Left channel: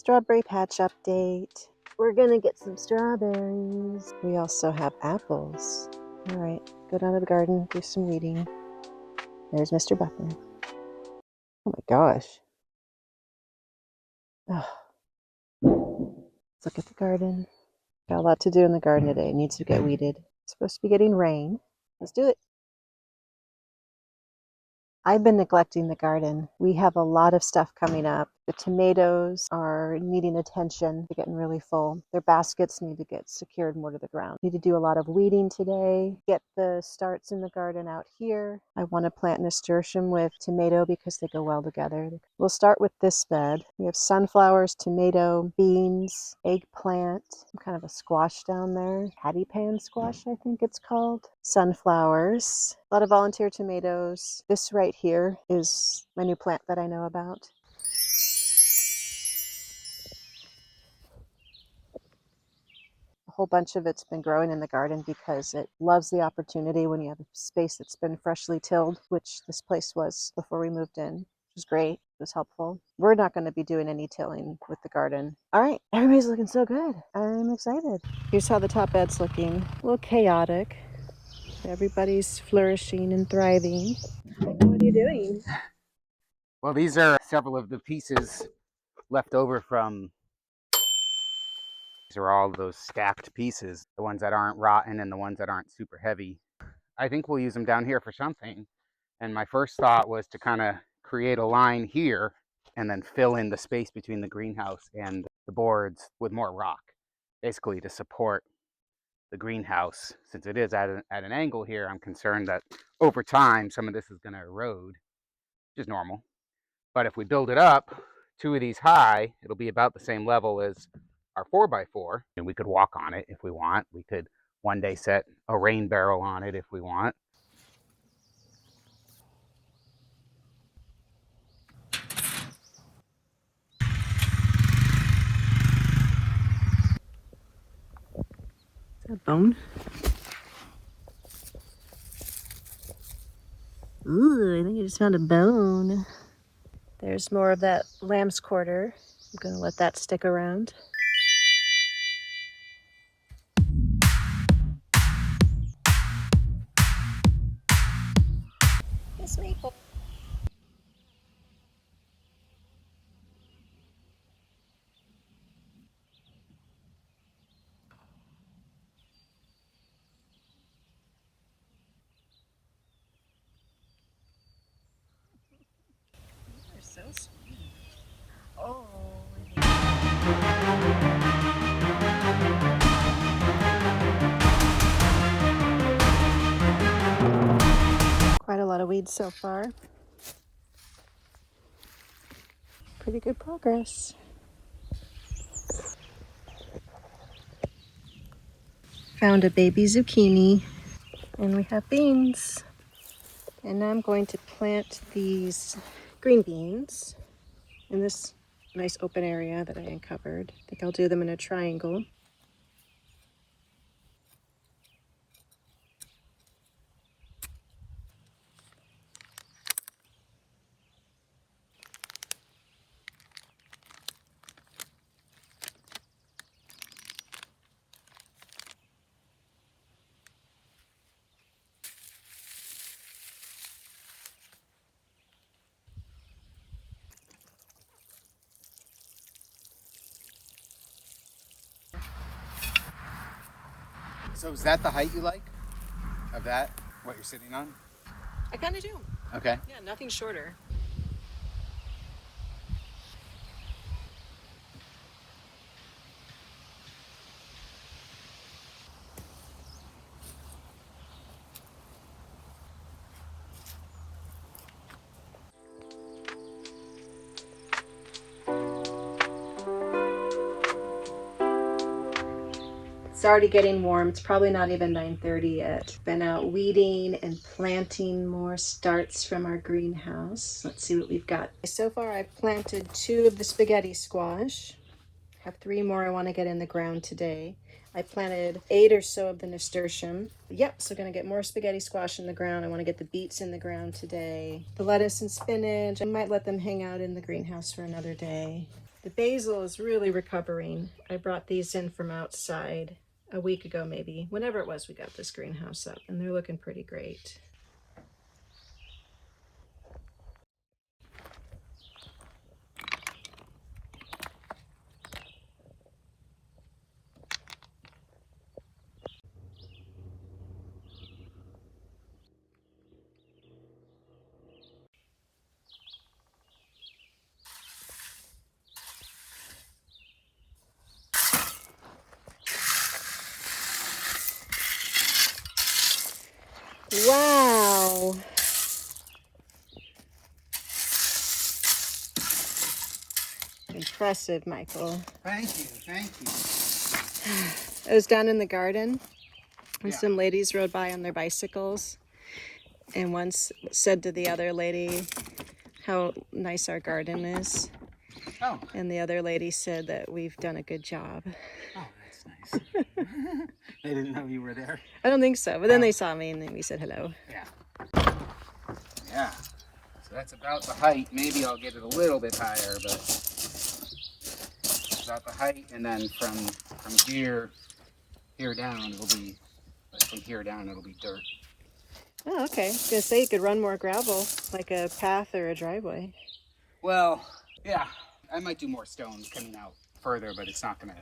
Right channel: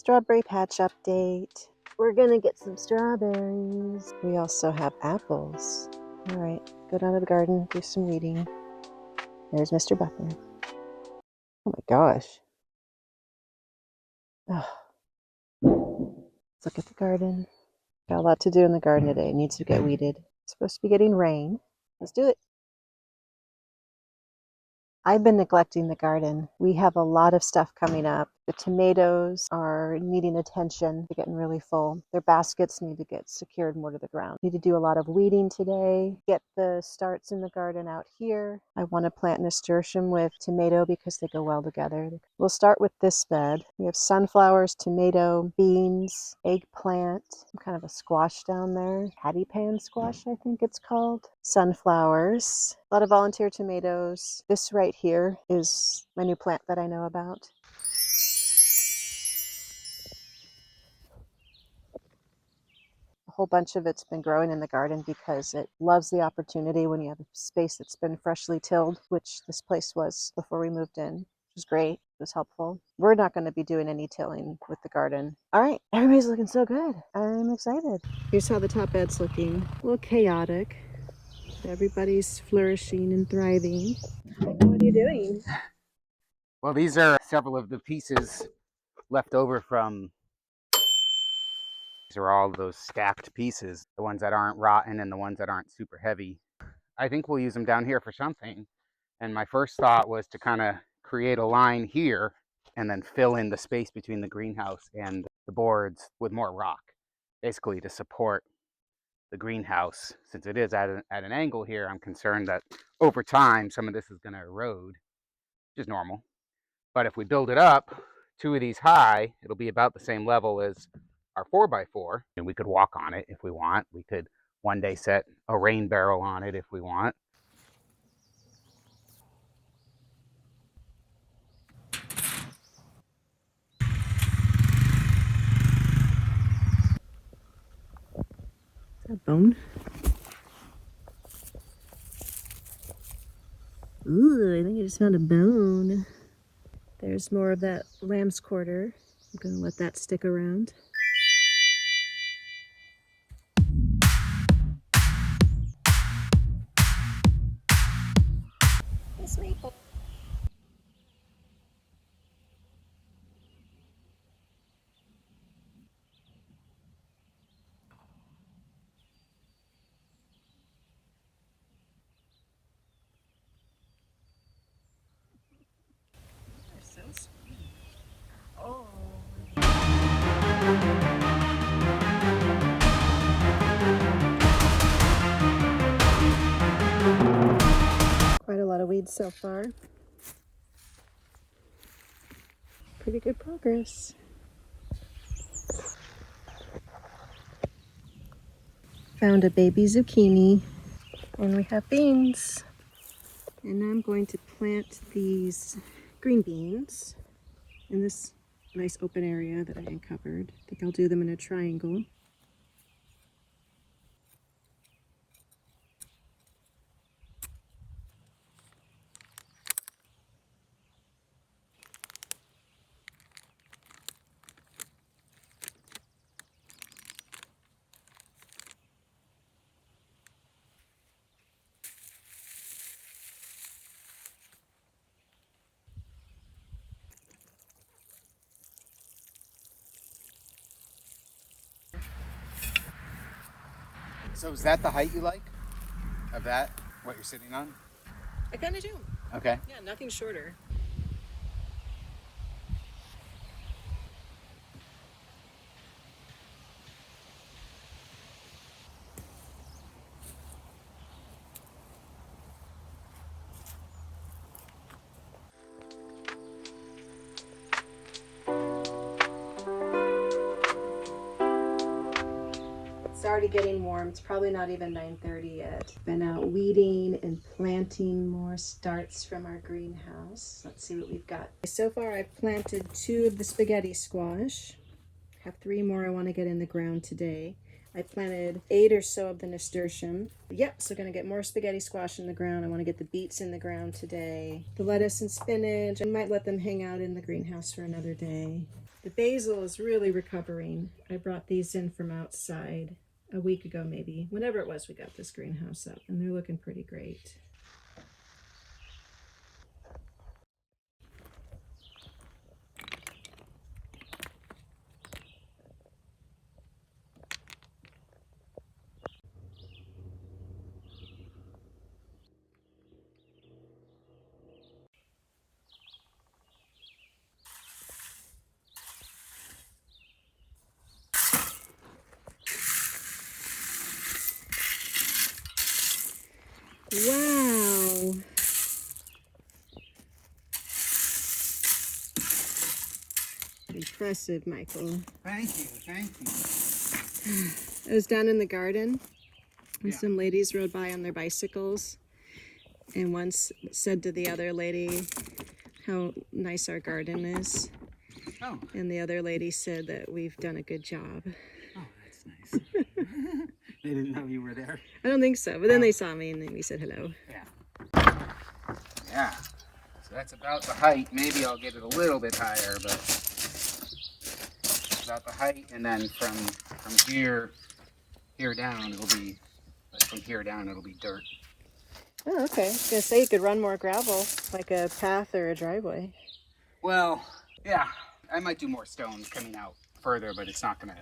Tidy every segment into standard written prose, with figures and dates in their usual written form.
Strawberry patch update. We're gonna get some strawberries. We also have apples. All right, go down to the garden, do some weeding. There's Mr. Buckner. Oh my gosh. Ugh. Let's look at the garden. Got a lot to do in the garden today. It needs to get weeded. It's supposed to be getting rain. Let's do it. I've been neglecting the garden. We have a lot of stuff coming up. The tomatoes are needing attention. They're getting really full. Their baskets need to get secured more to the ground. Need to do a lot of weeding today. Get the starts in the garden out here. I want to plant nasturtium with tomato because they go well together. We'll start with this bed. We have sunflowers, tomato, beans, eggplant, some kind of a squash down there. Patty pan squash, I think it's called. Sunflowers. A lot of volunteer tomatoes. This right here is my new plant that I know about. A whole bunch of it's been growing in the garden because it loves the opportunity when you have a space that's been freshly tilled, which this place was before we moved in. It was great. It was helpful. We're not going to be doing any tilling with the garden. All right, everybody's looking so good. I'm excited. Here's how the top bed's looking. A little chaotic. Everybody's flourishing and thriving. What are you doing? Well, these are several of the pieces left over from, these are all those stacked pieces, the ones that aren't rotten and the ones that aren't super heavy. I think we'll use them down here for something. And my first thought was to kind of create a line here and then fill in the space between the greenhouse and the boards with more rock, basically to support the greenhouse. Since it is at an angle here, I'm concerned that over time some of this is going to erode, which is normal. But if we build it up 2 of these high, it'll be about the same level as our 4x4, and we could walk on it if we want. We could one day set a rain barrel on it if we want. A bone? Ooh, I think I just found a bone. There's more of that lamb's quarter. I'm gonna let that stick around. Miss Maple. You're so sweet. Oh. Quite a lot of weeds so far. Pretty good progress. Found a baby zucchini, and we have beans. And now I'm going to plant these green beans in this nice open area that I uncovered. I think I'll do them in a triangle. So is that the height you like of that, what you're sitting on? I kind of do. Okay. Yeah, nothing shorter. It's already getting warm. It's probably not even 9:30 yet. Been out weeding and planting more starts from our greenhouse. Let's see what we've got. So far I've planted 2 of the spaghetti squash. I have 3 more I want to get in the ground today. I planted 8 or so of the nasturtium. Yep, so gonna get more spaghetti squash in the ground. I want to get the beets in the ground today. The lettuce and spinach, I might let them hang out in the greenhouse for another day. The basil is really recovering. I brought these in from outside a week ago, maybe, whenever it was we got this greenhouse up, and they're looking pretty great. Wow. Impressive, Michael. Thank you, thank you. I was down in the garden and Yeah. some ladies rode by on their bicycles, and one said to the other lady how nice our garden is. Oh. And the other lady said that we've done a good job. Oh, that's nice. They didn't know you were there? I don't think so, but then they saw me and then we said hello. Yeah. Yeah. So that's about the height. Maybe I'll get it a little bit higher, but about the height. And then from here down, it'll be, like from here down, it'll be dirt. Oh, okay. I was gonna say you could run more gravel, like a path or a driveway. Well, yeah, I might do more stones coming out further, but it's not gonna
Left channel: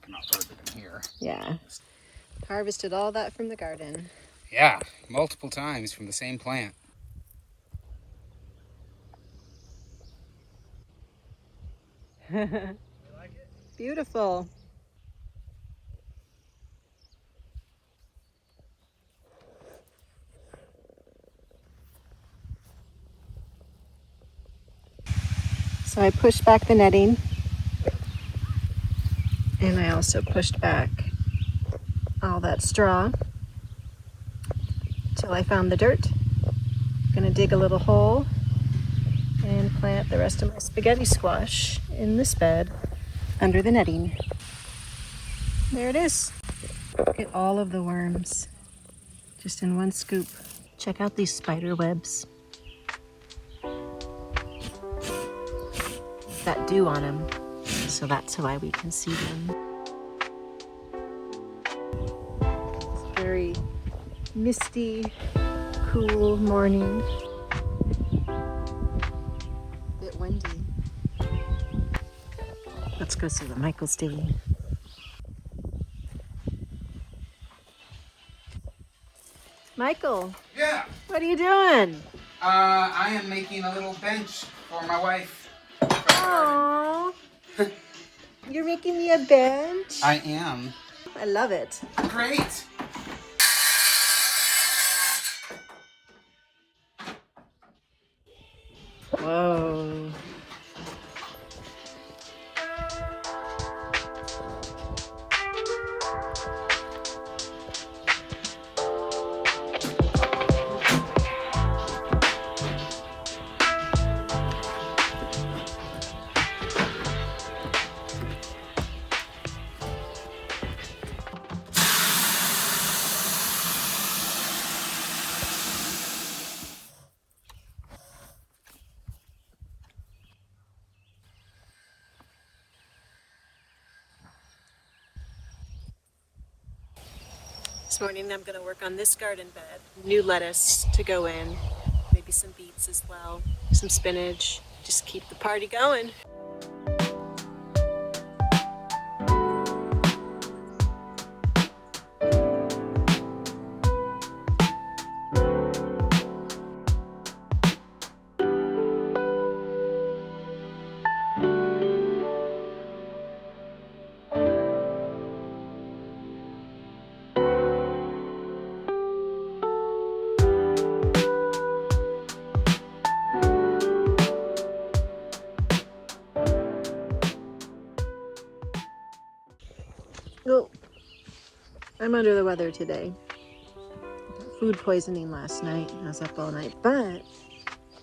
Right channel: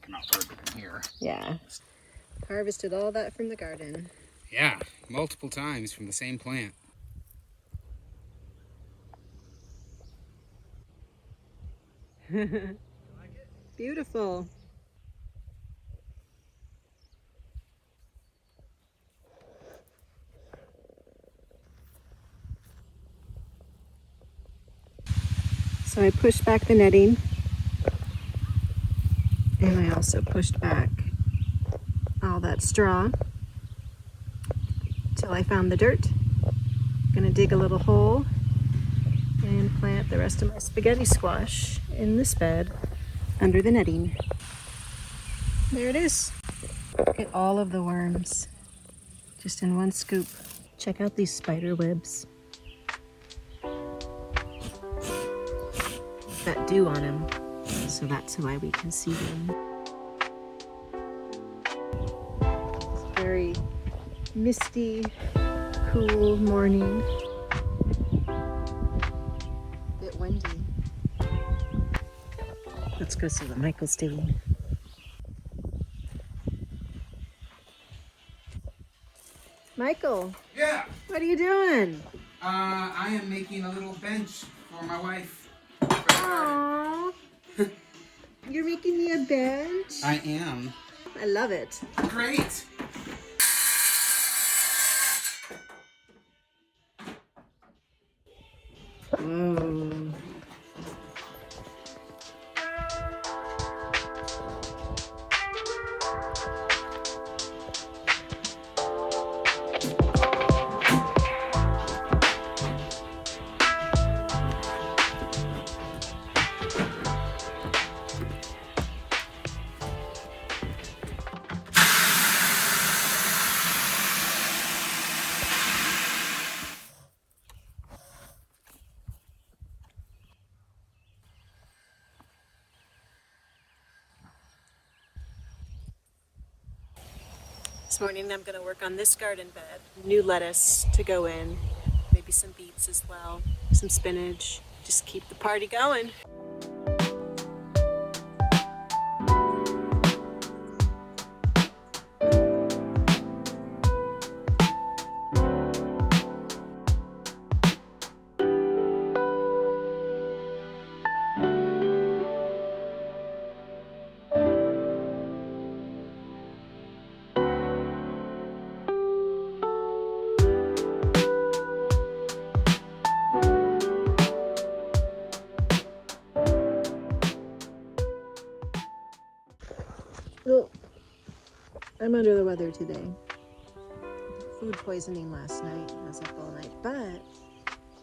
come out further than here. Yeah. Harvested all that from the garden. Yeah, multiple times from the same plant. You like it? Beautiful. So I pushed back the netting, and I also pushed back all that straw till I found the dirt. I'm gonna dig a little hole and plant the rest of my spaghetti squash in this bed under the netting. There it is. Look at all of the worms just in one scoop. Check out these spider webs. That dew on them, so that's why we can see them. It's a very misty, cool morning. A bit windy. Let's go see what Michael's doing. Michael, Yeah. what are you doing? I am making a little bench for my wife. For the garden. Aww. You're making me a bench? I am. I love it. Great. Whoa. This morning I'm going to work on this garden bed. New lettuce to go in, maybe some beets as well, some spinach. Just keep the party going. Oh, I'm under the weather today. Food poisoning last night. I was up all night, but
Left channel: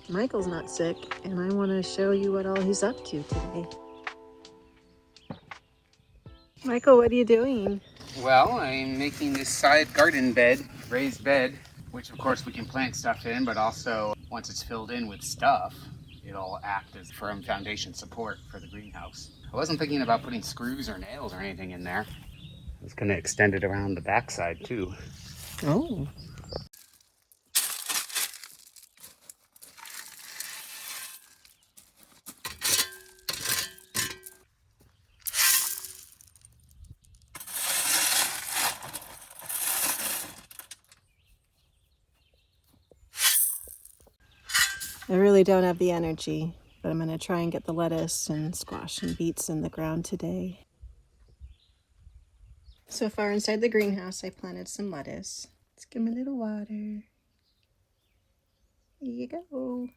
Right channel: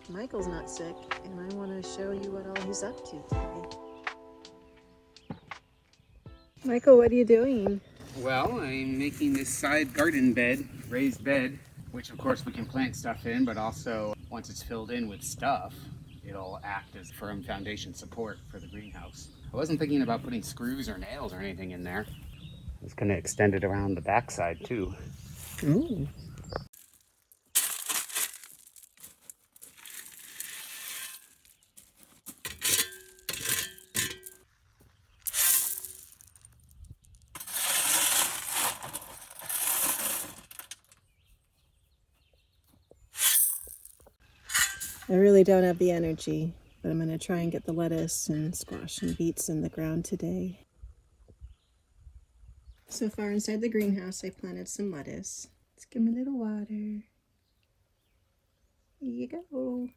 Michael's not sick, and I want to show you what all he's up to today. Michael, what are you doing? Well, I'm making this side garden bed, raised bed, which of course we can plant stuff in, but also once it's filled in with stuff, it'll act as firm foundation support for the greenhouse. I wasn't thinking about putting screws or nails or anything in there. I was going to extend it around the backside too. Oh. I really don't have the energy, but I'm going to try and get the lettuce and squash and beets in the ground today. So far inside the greenhouse, I planted some lettuce. Let's give them a little water. Here you go.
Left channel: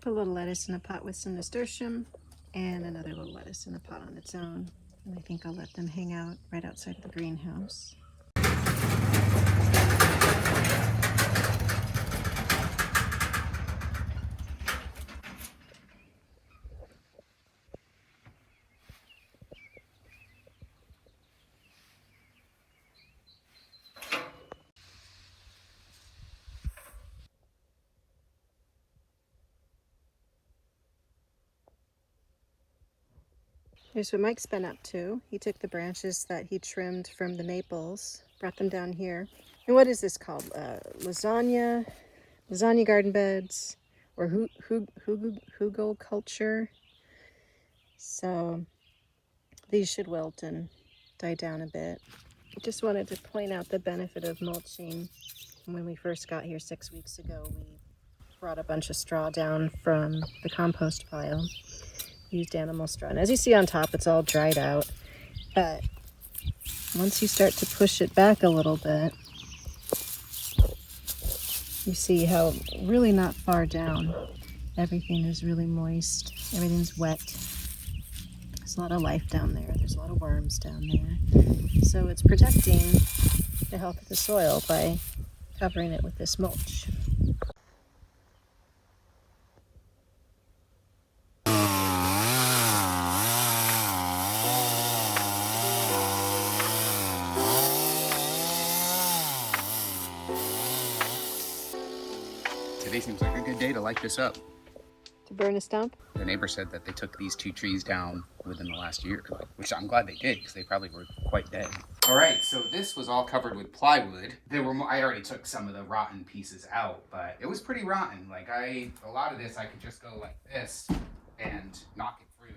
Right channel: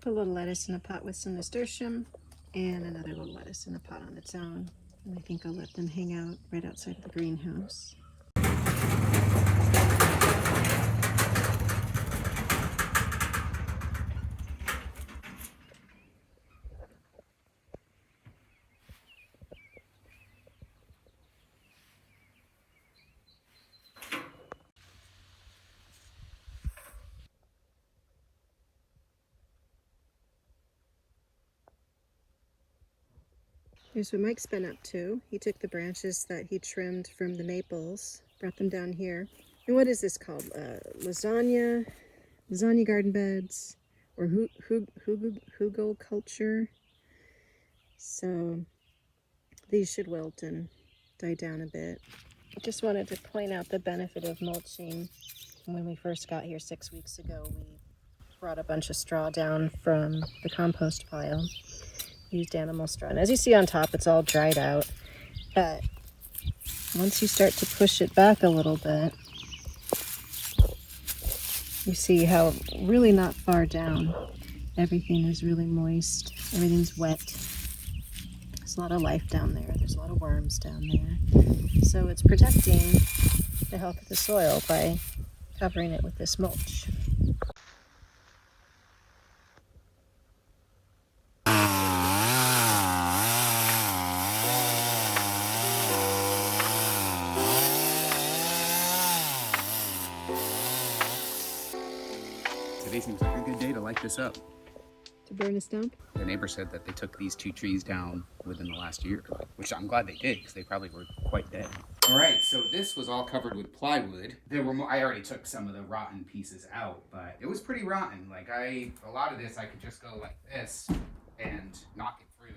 Put a little lettuce in a pot with some nasturtium and another little lettuce in a pot on its own. And I think I'll let them hang out right outside the greenhouse. Here's what Mike's been up to. He took the branches that he trimmed from the maples, brought them down here. And what is this called? Lasagna garden beds, or hugo culture. So these should wilt and die down a bit. I just wanted to point out the benefit of mulching. When we first got here 6 weeks ago, we brought a bunch of straw down from the compost pile. Used animal straw. And as you see on top, it's all dried out. But once you start to push it back a little bit, you see how really not far down everything is really moist. Everything's wet. There's a lot of life down there. There's a lot of worms down there. So it's protecting the health of the soil by covering it with this mulch. Today seems like a good day to light this up. To burn a stump? The neighbor said that they took these 2 trees down within the last year, which I'm glad they did because they probably were quite dead. All right, so this was all covered with plywood. There were I already took some of the rotten pieces out, but it was pretty rotten. Like a lot of this I could just go like this and knock it through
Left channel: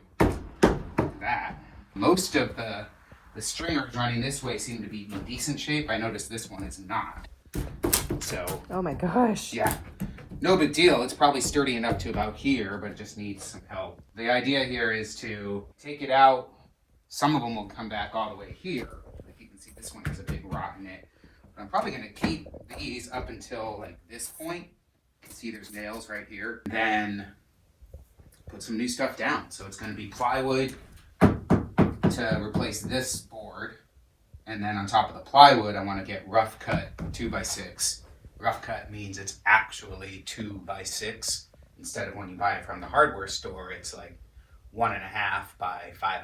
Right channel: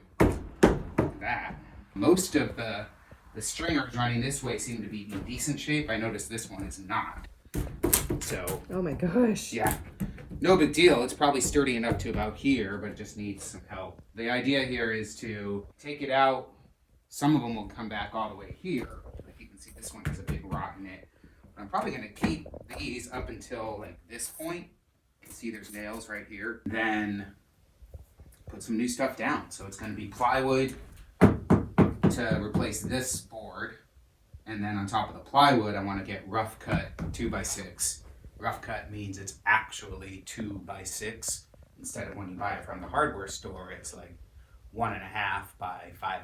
like that. Most of the stringers running this way seem to be in decent shape. I noticed this one is not. So. Oh my gosh. Yeah. No big deal. It's probably sturdy enough to about here, but it just needs some help. The idea here is to take it out. Some of them will come back all the way here. Like you can see, this one has a big rot in it. But I'm probably going to keep these up until like this point. You can see there's nails right here. Then put some new stuff down. So it's going to be plywood to replace this board. And then on top of the plywood, I want to get rough cut 2x6. Rough cut means it's actually 2x6 instead of when you buy it from the hardware store, it's like 1.5 by 5.5.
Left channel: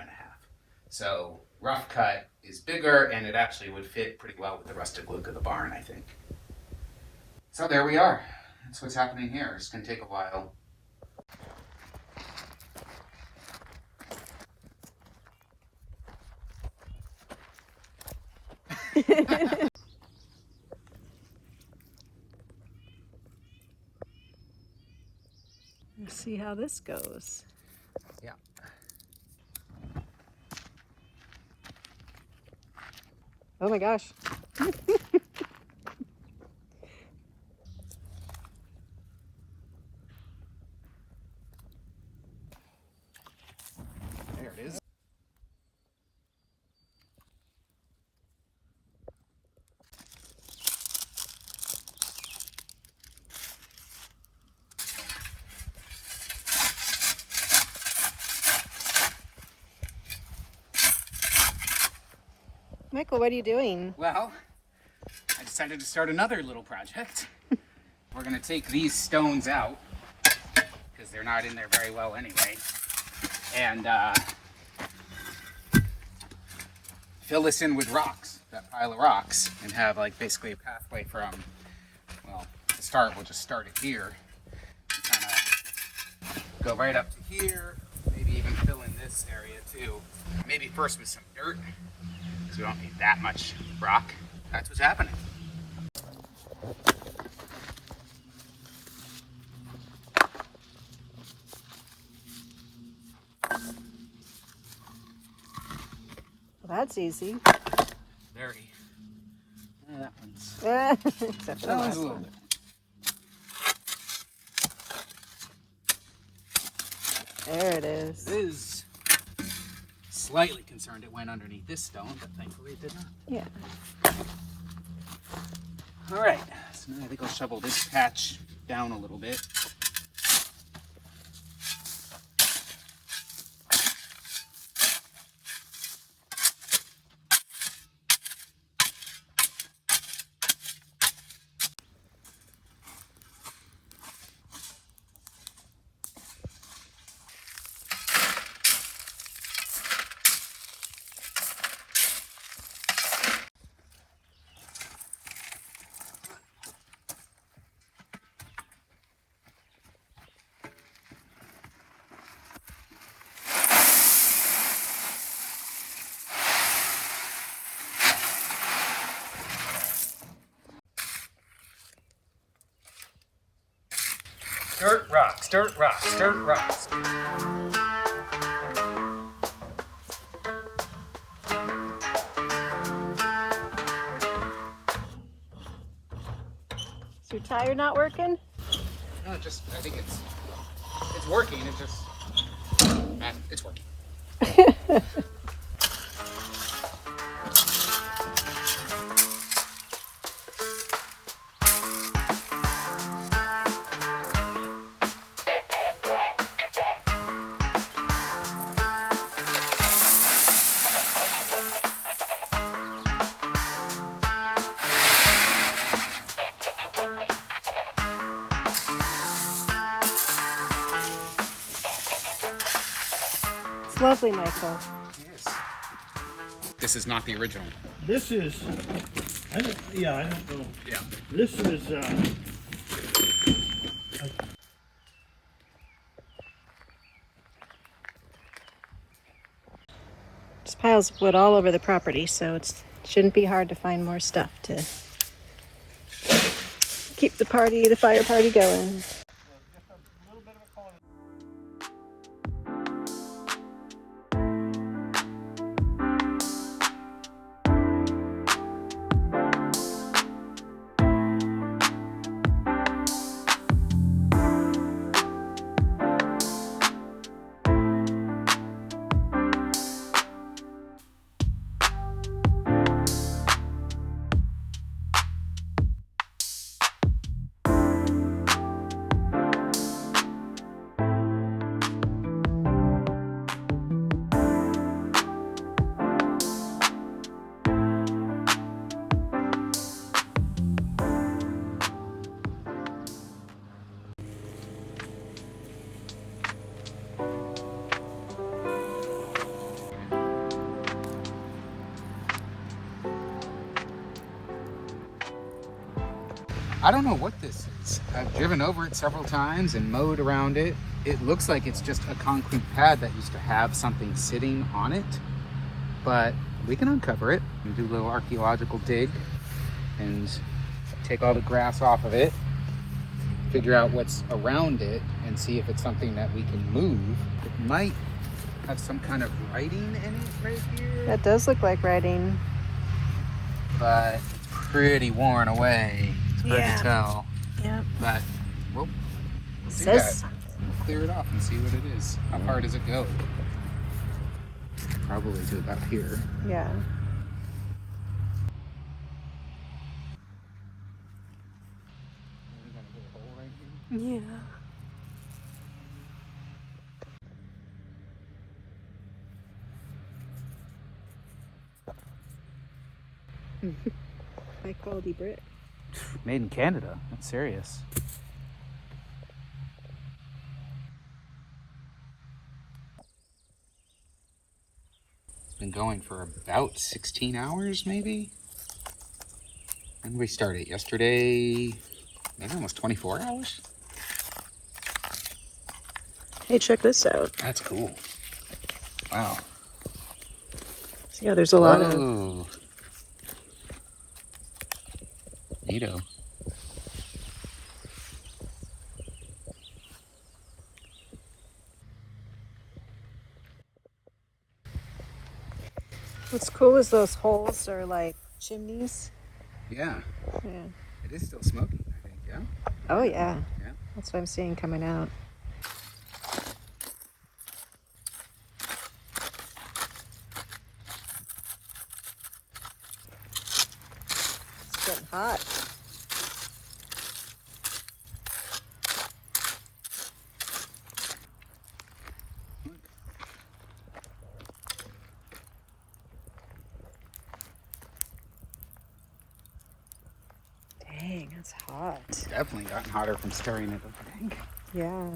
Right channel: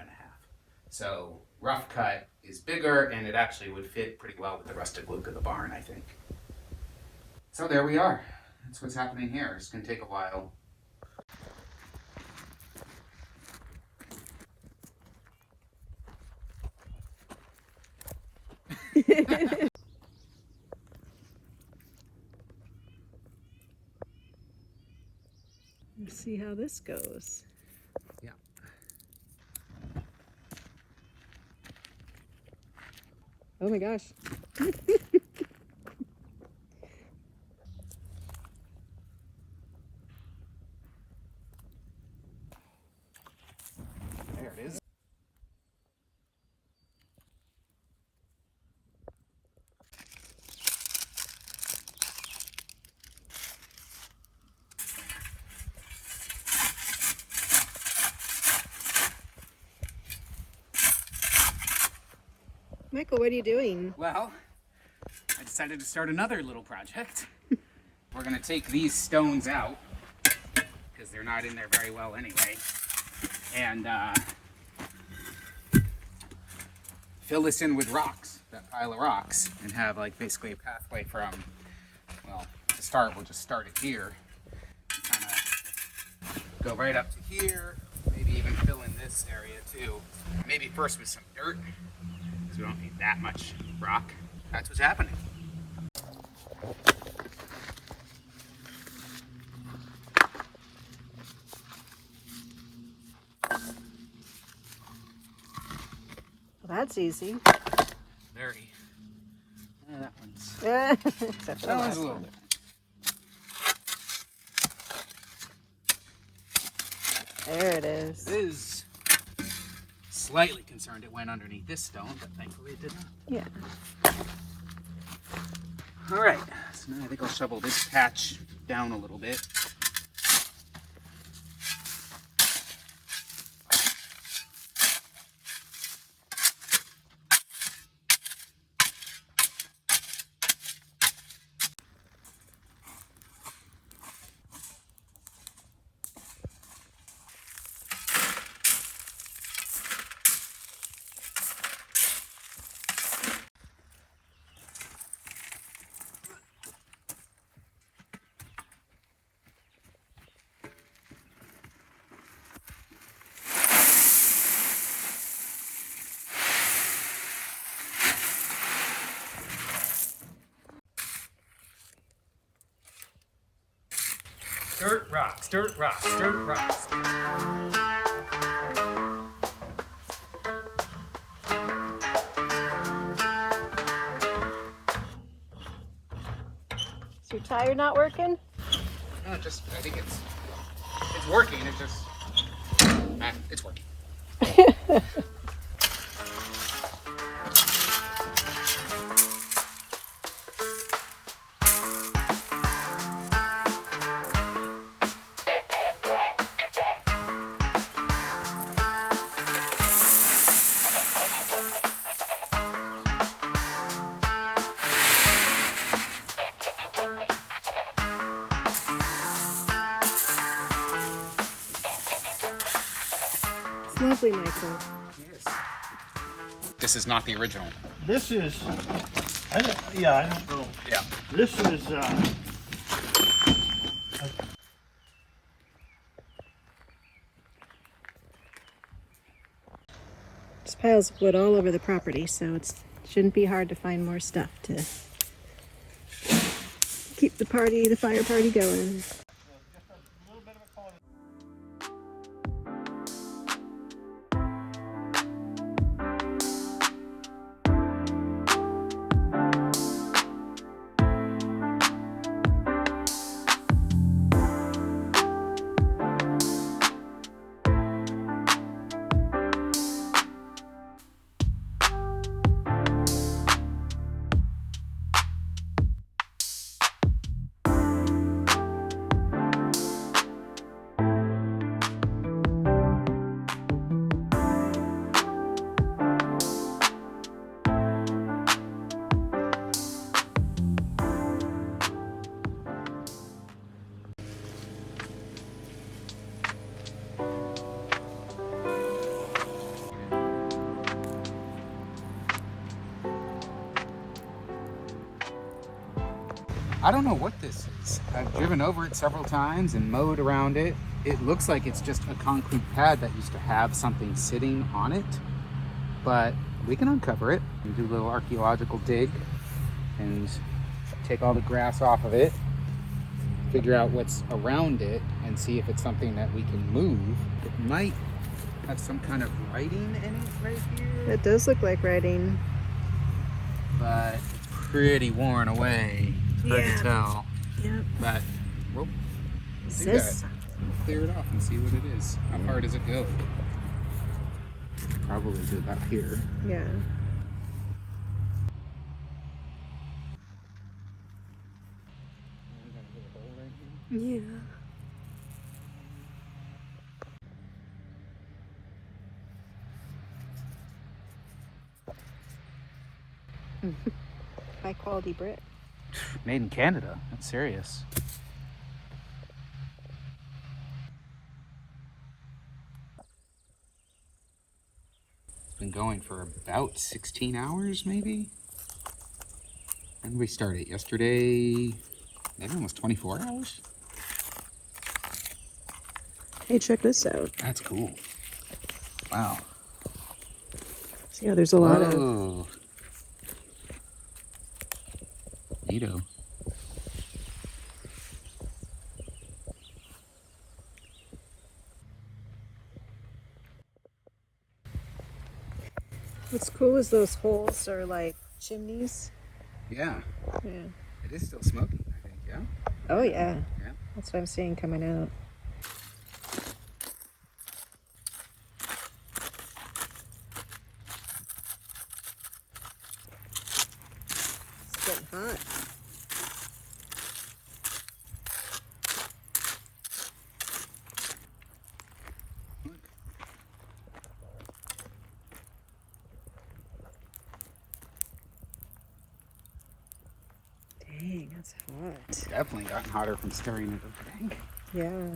So rough cut is bigger and it actually would fit pretty well with the rustic look of the barn, I think. So there we are. That's what's happening here. It's going to take a while. Let's see how this goes. Yeah. Oh my gosh. There it is. Michael, what are you doing? Well, I decided to start another little project. We're going to take these stones out because they're not in there very well anyway. And fill this in with rocks. that pile of rocks and have like basically a pathway from, well, to start, we'll just start it here. Kind of go right up to here, maybe even fill in this area too. Maybe first with some dirt, because we don't need that much rock. That's what's happening. Well, that's easy. Very. That one's. Except for the That one's last a little one. different. There it is. It is slightly concerned it went underneath this stone, but thankfully it did not. Yeah. All right, so now I think I'll shovel this patch down a little bit. Dirt rocks, dirt rocks, dirt rocks. Is your tire not working? No, I think it's working. It's working. It's lovely, Michael. Yes. This is not the original. This is, I don't know. Yeah. This is, There's piles of wood all over the property, so it shouldn't be hard to find more stuff to keep the fire party going. I don't know what this is. I've driven over it several times and mowed around it. It looks like it's just a concrete pad that used to have something sitting on it, but we can uncover it and do a little archaeological dig and take all the grass off of it, figure out what's around it, and see if it's something that we can move. It might have some kind of writing in it right here, That does look like writing. but pretty worn away. It's hard Yeah. to tell. Yeah. But we'll do Says that. Clear it off and see what it is. How far does it go? Probably to about here. yeah. Yeah. High quality brick. Made in Canada. That's serious. It's been going for about 16 hours, maybe? When did we start it? Yesterday? Maybe almost 24 hours? Hey, check this out. That's cool. Wow. So yeah, there's a lot of... Oh. Neato. What's cool is those holes are like chimneys. Yeah. Yeah. It is still smoking, I think, yeah? Oh yeah. Yeah. That's what I'm seeing coming out. It's getting hot. Dang, that's hot. Definitely gotten hotter from stirring it, I think. Yeah.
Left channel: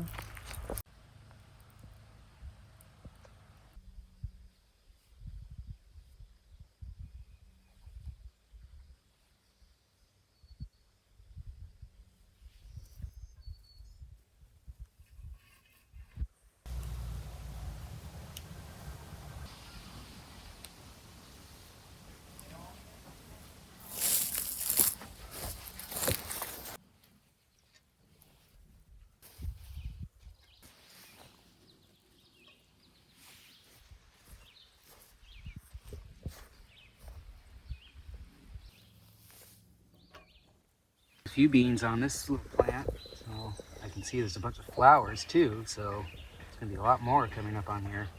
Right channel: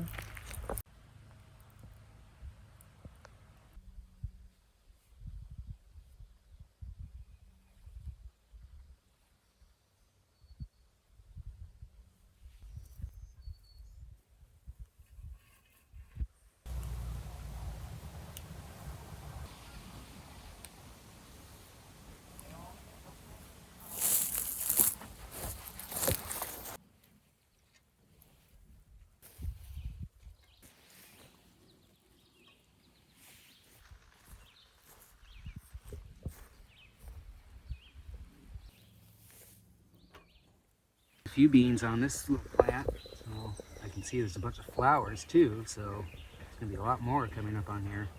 A few beans on this little plant, so I can see there's a bunch of flowers too, so there's gonna be a lot more coming up on here.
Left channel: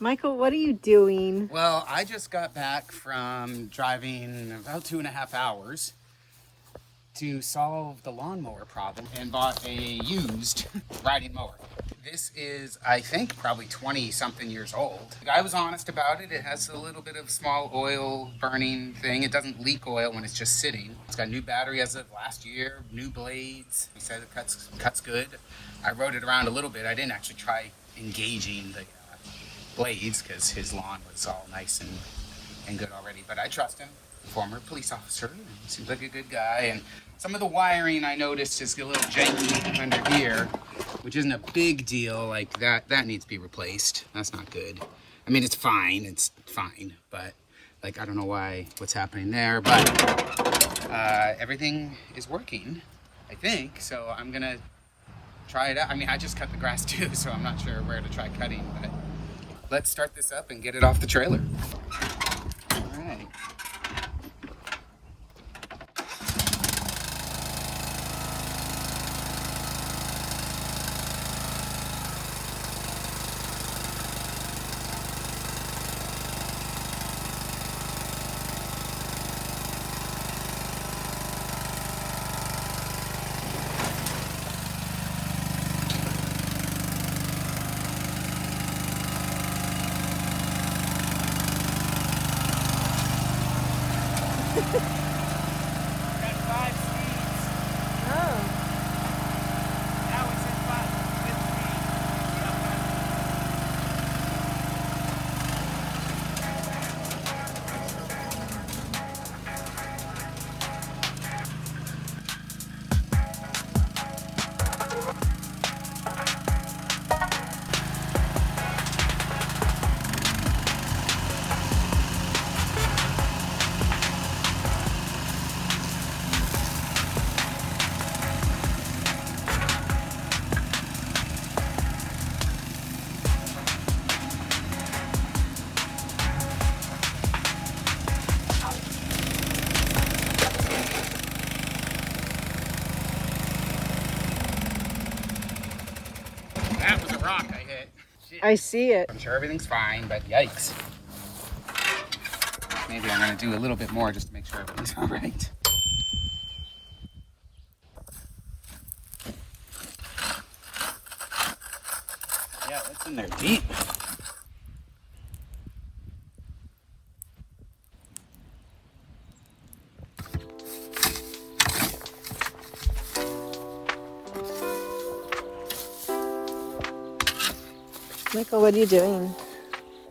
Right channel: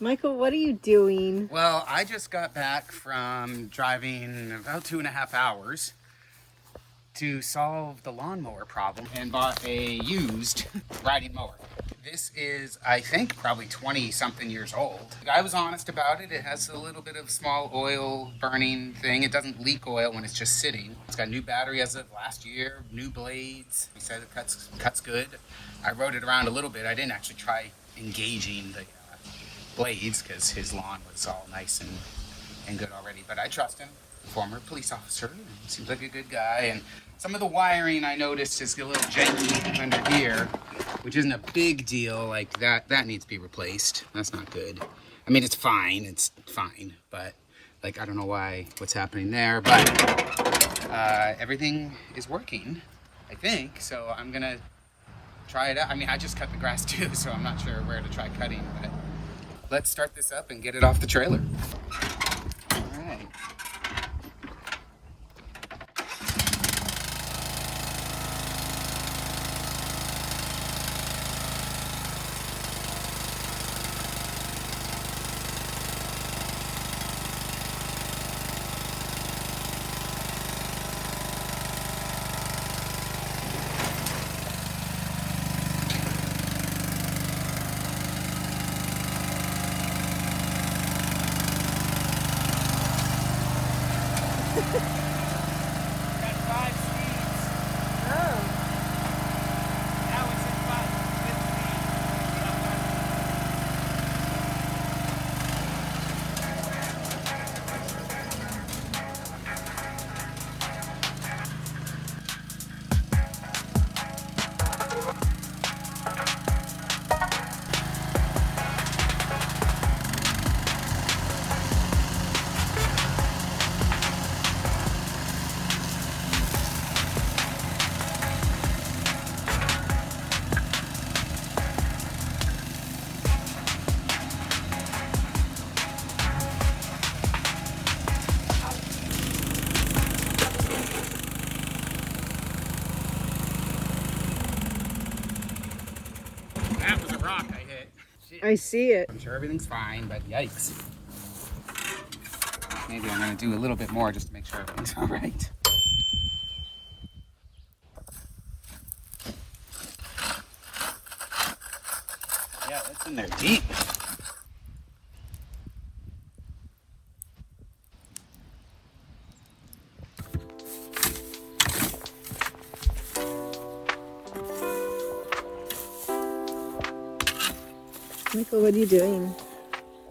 Michael, what are you doing? Well, I just got back from driving about 2.5 hours to solve the lawnmower problem and bought a used riding mower. This is, I think, probably 20 something years old. The guy was honest about it. It has a little bit of small oil burning thing. It doesn't leak oil when it's just sitting. It's got a new battery as of last year, new blades. He said it cuts good. I rode it around a little bit. I didn't actually try engaging the blades because his lawn was all nice and good already, but I trust him. former police officer. And seems like a good guy. And some of the wiring I noticed is a little janky under here, which isn't a big deal. Like that needs to be replaced. That's not good. I mean, it's fine, but like, I don't know what's happening there, but everything is working, I think. So I'm gonna try it out. I mean, I just cut the grass too, so I'm not sure where to try cutting, but let's start this up and get it off the trailer. All right. Got 5 speeds. Oh. Now it's in 5 That was a rock I hit. Shit. I see it. I'm sure everything's fine, but yikes. Maybe I'm gonna do a little bit more just to make sure everything's all right. Yeah, that's in there deep. Michael, what are you doing?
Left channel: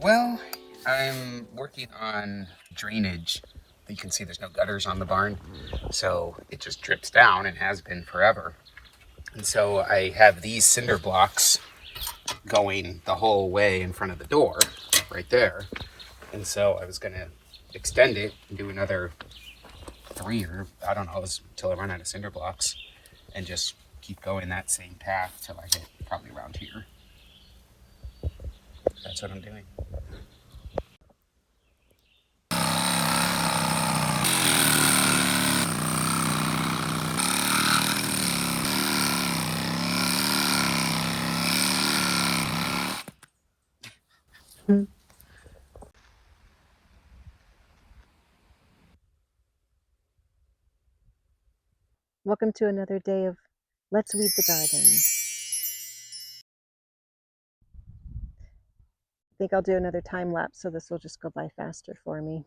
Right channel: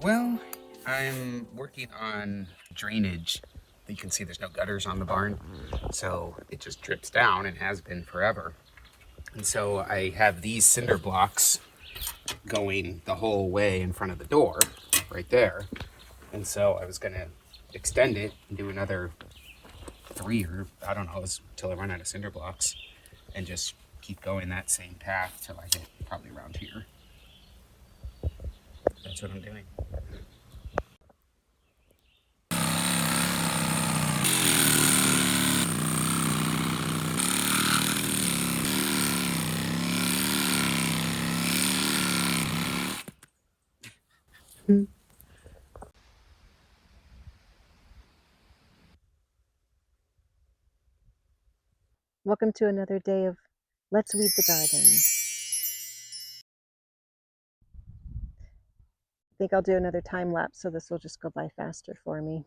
Well, I'm working on drainage. You can see there's no gutters on the barn, so it just drips down and has been forever. And so I have these cinder blocks going the whole way in front of the door, right there. And so I was gonna extend it and do another 3, or I don't know, until I run out of cinder blocks, and just keep going that same path till I hit probably around here. That's what I'm doing. Welcome to another day of Let's Weed the Garden. I think I'll do another time lapse so this will just go by faster for me.